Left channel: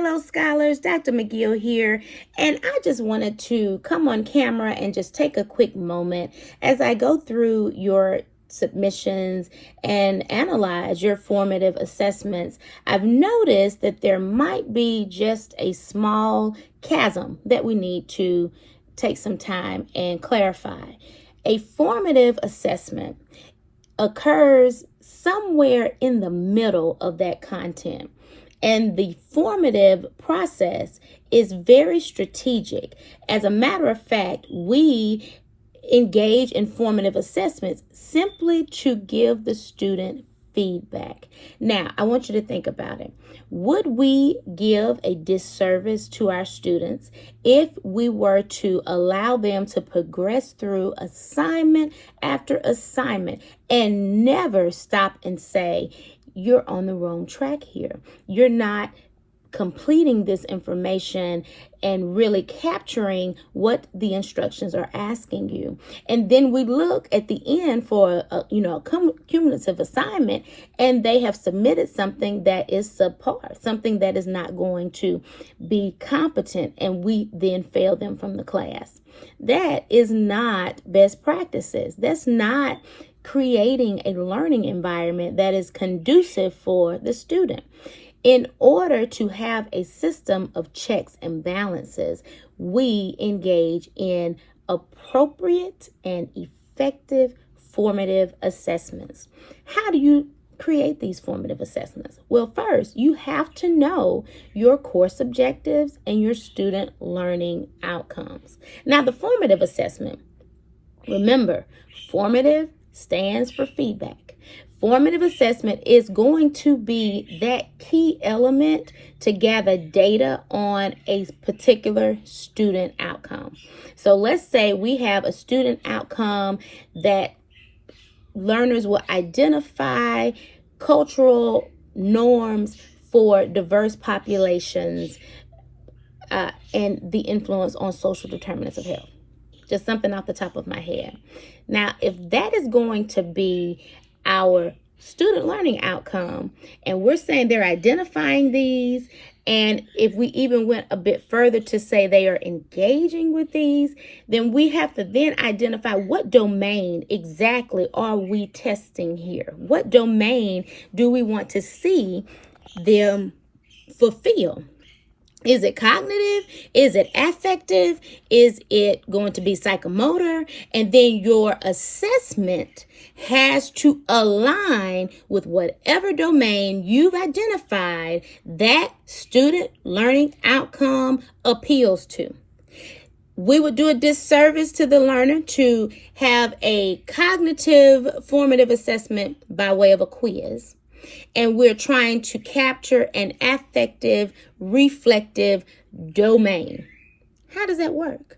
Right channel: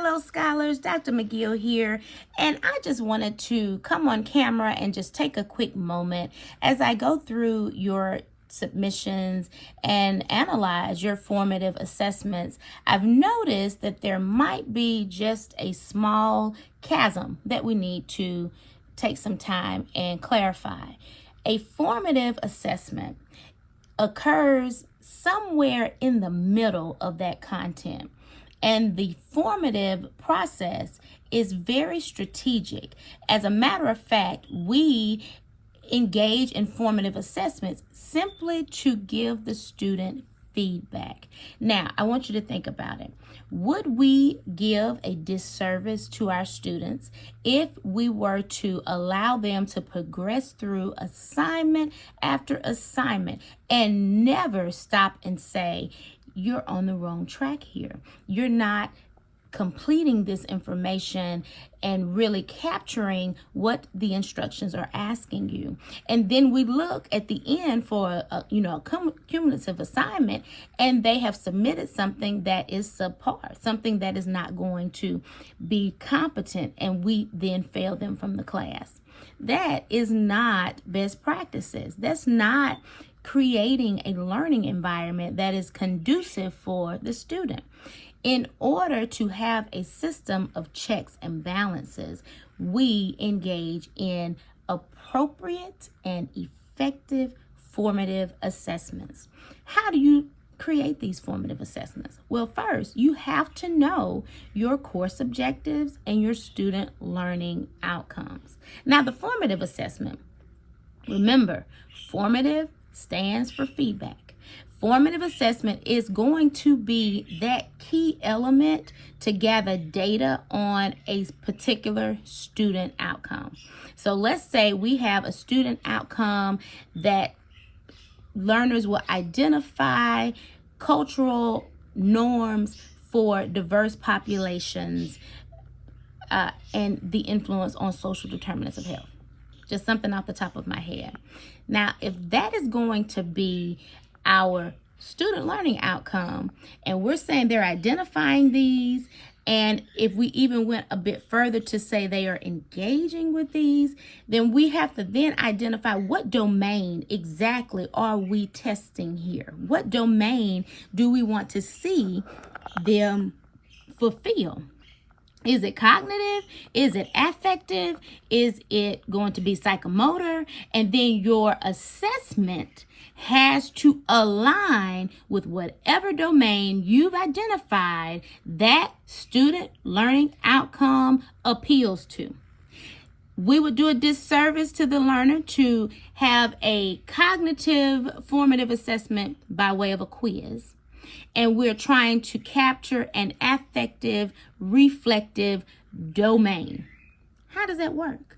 Hello, scholars. Dr. McGill here, and I just wanted to come on camera and just take a quick moment as I go through your submissions and analyze your formative assessments. I've noticed that there might be just a small chasm that we need to take some time and clarify. A formative assessment occurs somewhere in the middle of that content. And the formative process is very strategic. As a matter of fact, we engage in formative assessments simply to give the student feedback. Now, I want you to think about it. Would we give a disservice to our students if we were to allow them to progress through assignment after assignment and never stop and say, you're on the wrong track here. You're not completing this information and really capturing what the instructions are asking you. And then we look at the end for a cumulative assignment, and they have submitted something that is subpar, something that is not going to be competent, and we then fail them from the class. That is not best practices. That's not creating a learning environment that is conducive for the student. In order to have a system of checks and balances, we engage in appropriate and effective formative assessments. How do you create these formative assessments? Well, first, you have to know your course objectives and your student learning outcomes. Now, the formative assessment, remember, formative stands for feedback. Formative assessment is going to be that key element to gather data on a particular student outcome. So let's say we have a student outcome that learners will identify cultural norms for diverse populations and the influence on social determinants of health. Just something off the top of my head. Now, if that is going to be our student learning outcome, and we're saying they're identifying these, and if we even went a bit further to say they are engaging with these, then we have to then identify what domain exactly are we testing here? What domain do we want to see them fulfill? Is it cognitive? Is it affective? Is it going to be psychomotor? And then your assessment has to align with whatever domain you've identified that student learning outcome appeals to. We would do a disservice to the learner to have a cognitive formative assessment by way of a quiz, and we're trying to capture an affective, reflective domain. How does that work?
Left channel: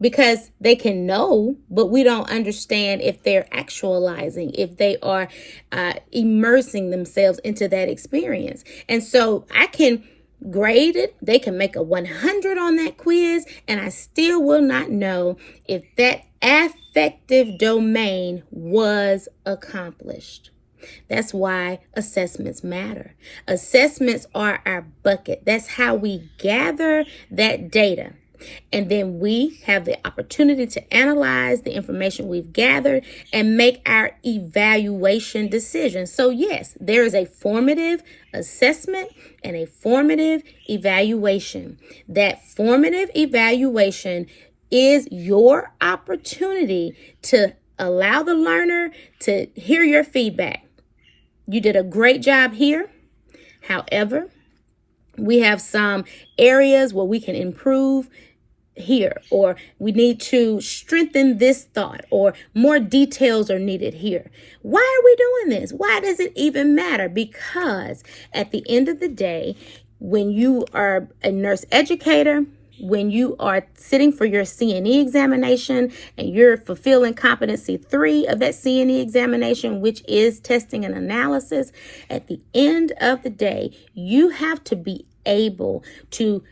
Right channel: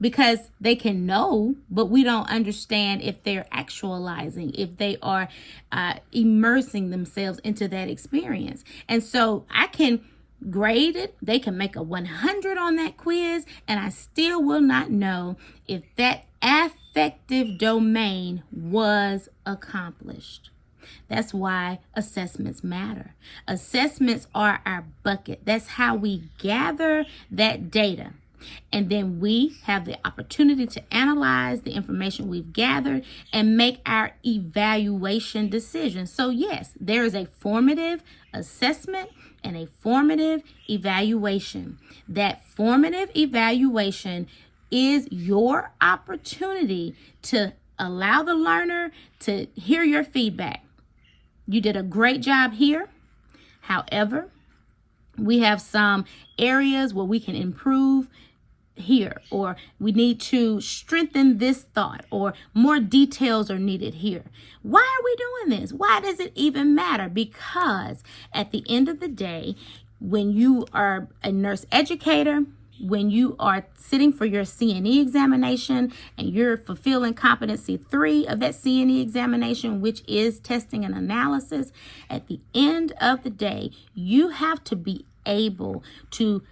Because they can know, but we don't understand if they're actualizing, if they are immersing themselves into that experience. And so I can grade it. They can make a 100 on that quiz, and I still will not know if that affective domain was accomplished. That's why assessments matter. Assessments are our bucket. That's how we gather that data. And then we have the opportunity to analyze the information we've gathered and make our evaluation decisions. So yes, there is a formative assessment and a formative evaluation. That formative evaluation is your opportunity to allow the learner to hear your feedback. You did a great job here. However, we have some areas where we can improve here, or we need to strengthen this thought, or more details are needed here. Why are we doing this? Why does it even matter? Because at the end of the day, when you are a nurse educator, when you are sitting for your CNE examination and you're fulfilling competency 3 of that CNE examination, which is testing and analysis, at the end of the day, you have to be able to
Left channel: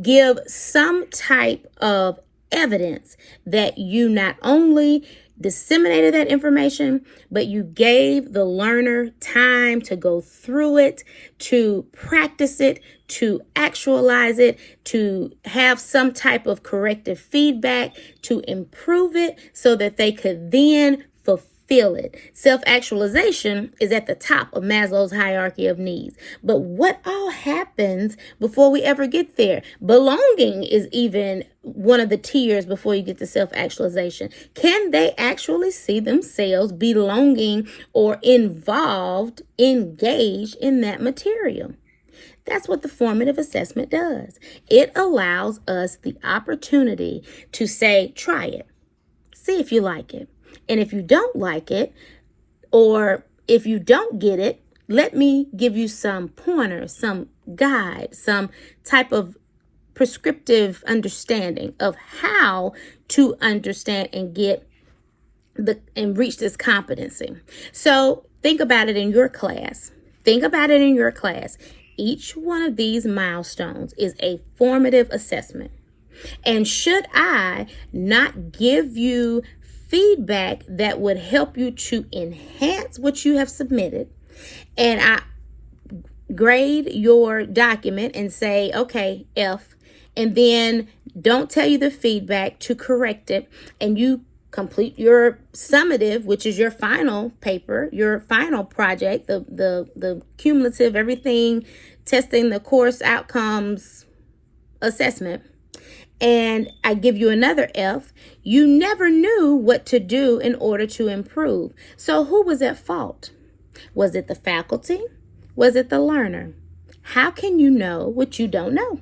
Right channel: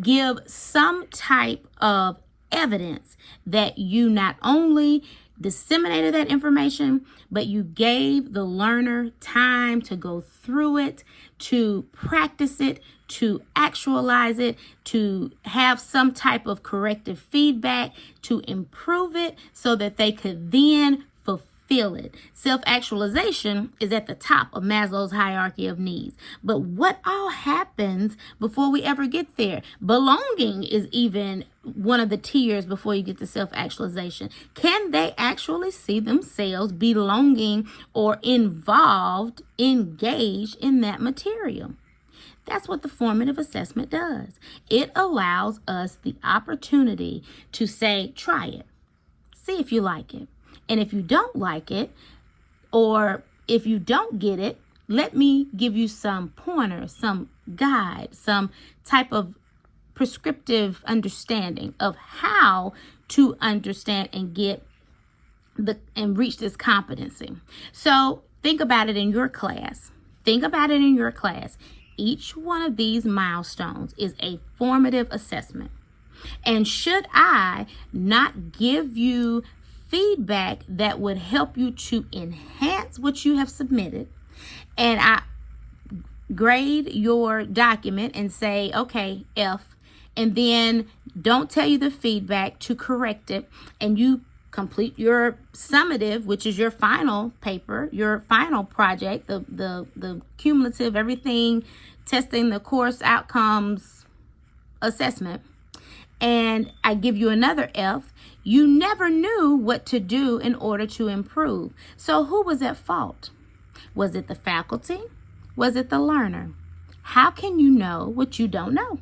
give some type of evidence that you not only disseminated that information, but you gave the learner time to go through it, to practice it, to actualize it, to have some type of corrective feedback, to improve it so that they could then fulfill it. Self-actualization is at the top of Maslow's hierarchy of needs. But what all happens before we ever get there? Belonging is even one of the tiers before you get to self-actualization. Can they actually see themselves belonging or involved, engaged in that material? That's what the formative assessment does. It allows us the opportunity to say, try it. See if you like it. And if you don't like it, or if you don't get it, let me give you some pointers, some guide, some type of prescriptive understanding of how to understand and get and reach this competency. So think about it in your class. Think about it in your class. Each one of these milestones is a formative assessment. And should I not give you feedback that would help you to enhance what you have submitted, and I grade your document and say, okay, F, and then don't tell you the feedback to correct it, and you complete your summative, which is your final paper, your final project, the cumulative, everything, testing the course outcomes assessment, and I give you another F, you never knew what to do in order to improve. So who was at fault? Was it the faculty? Was it the learner? How can you know what you don't know?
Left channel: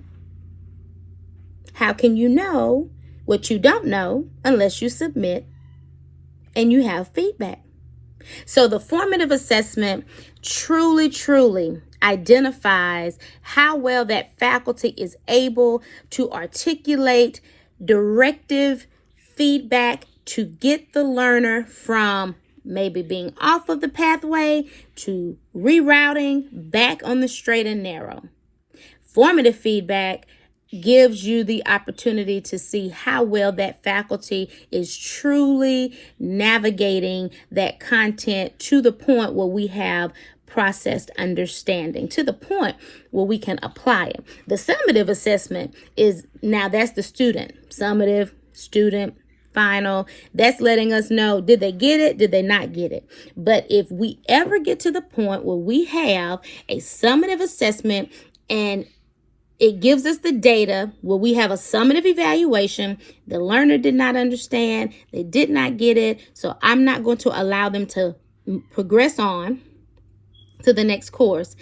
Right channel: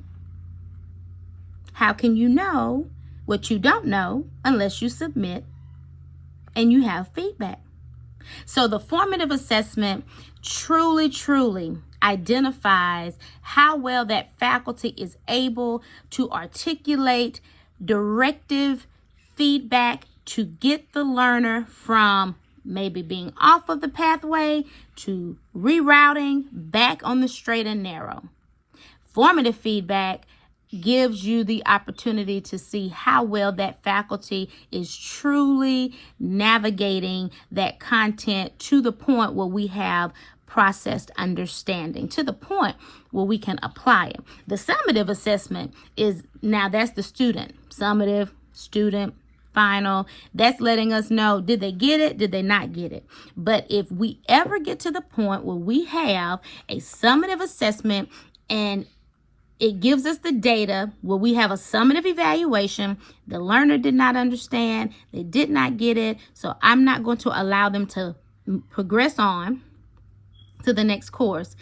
How can you know what you don't know unless you submit and you have feedback? So the formative assessment truly identifies how well that faculty is able to articulate directive feedback to get the learner from maybe being off of the pathway to rerouting back on the straight and narrow. Formative feedback gives you the opportunity to see how well that faculty is truly navigating that content to the point where we have processed understanding, to the point where we can apply it. The summative assessment is, now that's the student. Summative, student, final. That's letting us know, did they get it? Did they not get it? But if we ever get to the point where we have a summative assessment and it gives us the data where we have a summative evaluation, the learner did not understand, they did not get it, so I'm not going to allow them to progress on to the next course.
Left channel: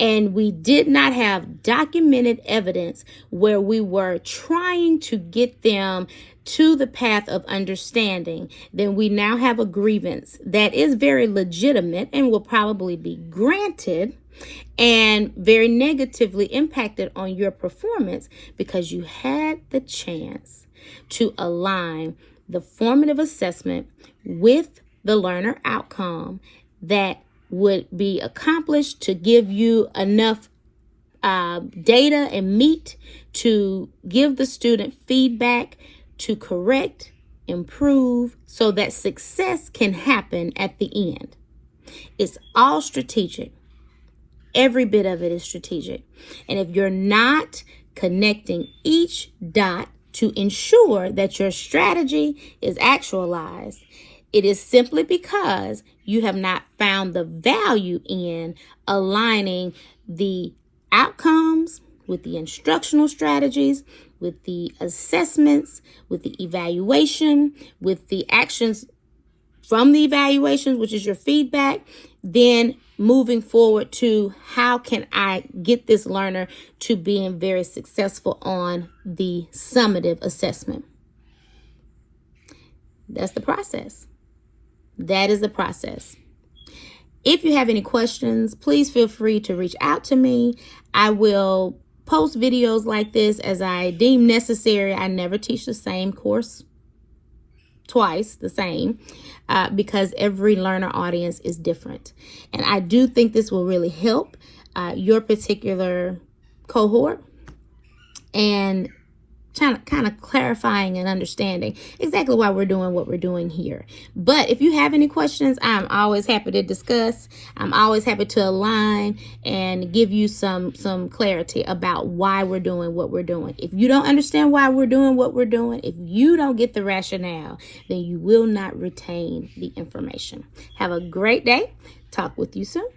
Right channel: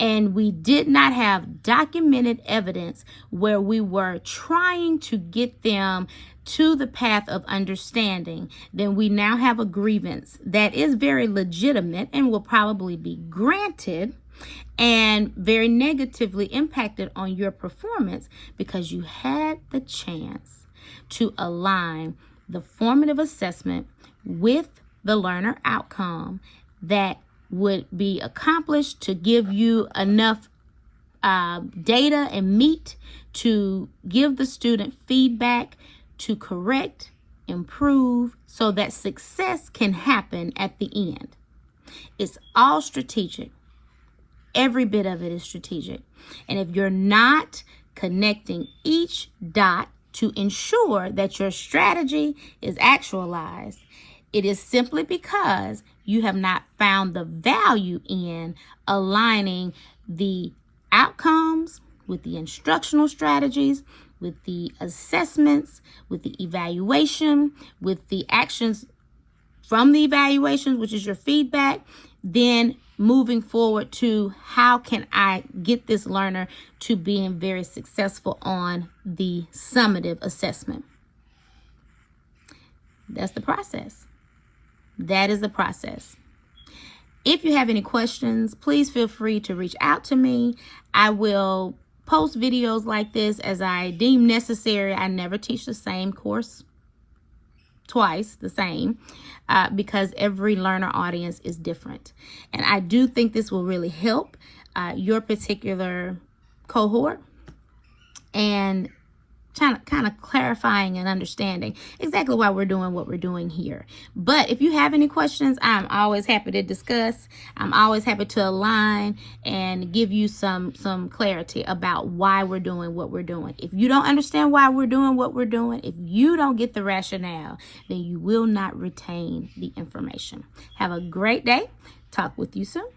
And we did not have documented evidence where we were trying to get them to the path of understanding, then we now have a grievance that is very legitimate and will probably be granted and very negatively impacted on your performance because you had the chance to align the formative assessment with the learner outcome that would be accomplished to give you enough data and meat to give the student feedback to correct, improve, so that success can happen at the end. It's all strategic. Every bit of it is strategic. And if you're not connecting each dot to ensure that your strategy is actualized, it is simply because you have not found the value in aligning the outcomes with the instructional strategies, with the assessments, with the evaluation, with the actions from the evaluations, which is your feedback, then moving forward to how can I get this learner to being very successful on the summative assessment. That's the process. That is the process. If you have any questions, please feel free to reach out to me. I will post videos like this as I deem necessary. I never teach the same course twice, the same, because every learner audience is different. And I do think this will really help your particular cohort. And kind of clarifying and understanding exactly why we're doing what we're doing here. But if you have any questions, I'm always happy to discuss. I'm always happy to align and give you some clarity about why we're doing what we're doing. If you don't understand why we're doing what we're doing, if you don't get the rationale, then you will not retain the information. Have a great day. Talk with you soon.